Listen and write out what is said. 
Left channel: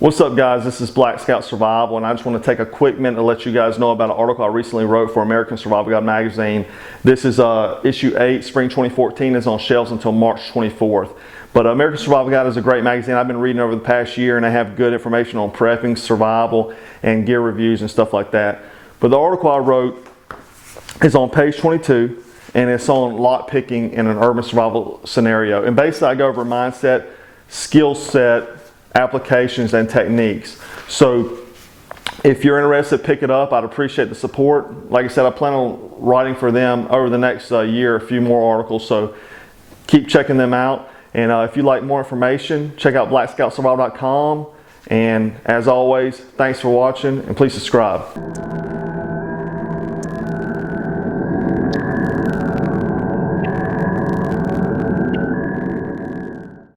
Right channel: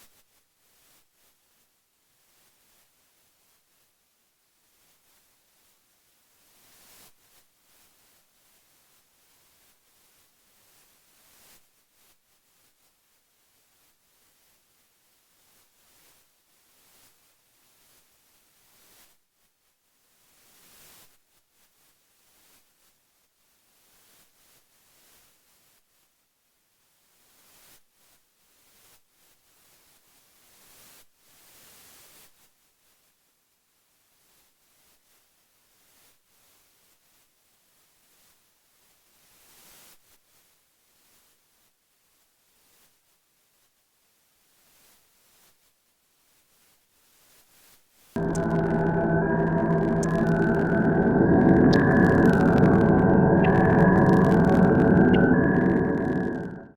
What's up, guys? This is Black Scout Survival, and I just want to take a quick minute to let you guys know about an article I recently wrote for American Survival Guide magazine. This is issue 8, spring 2014. It's on shelves until March 24th. But American Survival Guide is a great magazine I've been reading over the past year, and they have good information on prepping, survival, and gear reviews and stuff like that. But the article I wrote is on page 22, and it's on lockpicking in an urban survival scenario. And basically, I go over mindset, skill set, applications, and techniques. So if you're interested, pick it up. I'd appreciate the support. Like I said, I plan on writing for them over the next year a few more articles, so keep checking them out. And if you'd like more information, check out blackscoutsurvival.com. And as always, thanks for watching, and please subscribe.